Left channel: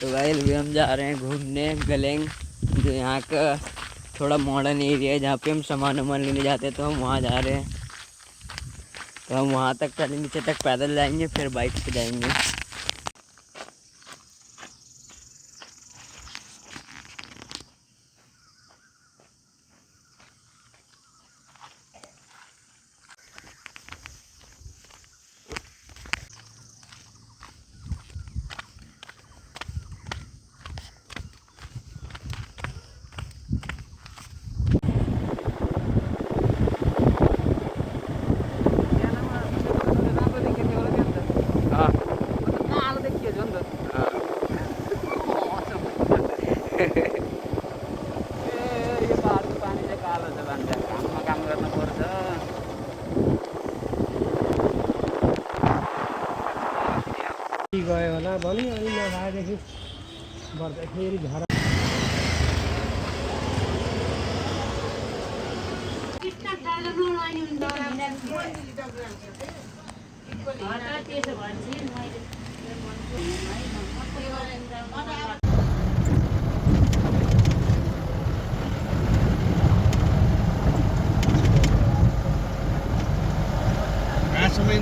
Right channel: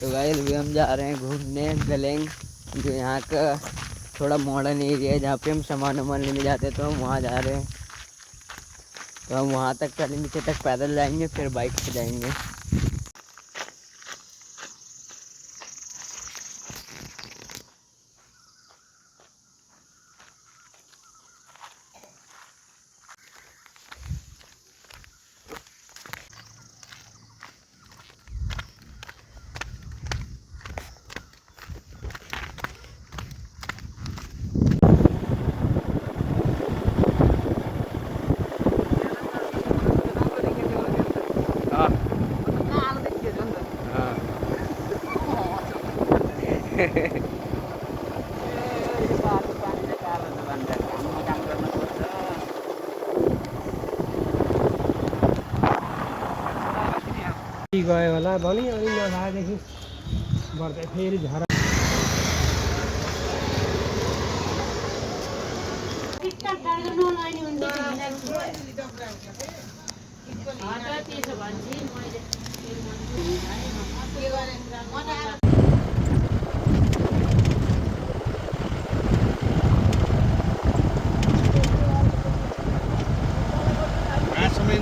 तो भाई अभी हम जा रहे हैं घूमने गलेंग, जो यहाँ का थोड़ा मॉडर्न एरिया है जहाँ पे हम सामान वामान लेने जाते हैं। तो हम वहाँ जा रहे हैं। तो हम वहाँ तक पहले नीचे तक पैदल जाएंगे, फिर बाइक पे जाएंगे। यो पहाडको पानी चाहिँ कालो हुन्छ भन्छ, घाममा काम गर्न पर्छ। गयो होला भनौँ अनि नखाएदेखि बढ्दै फेरि झरा समय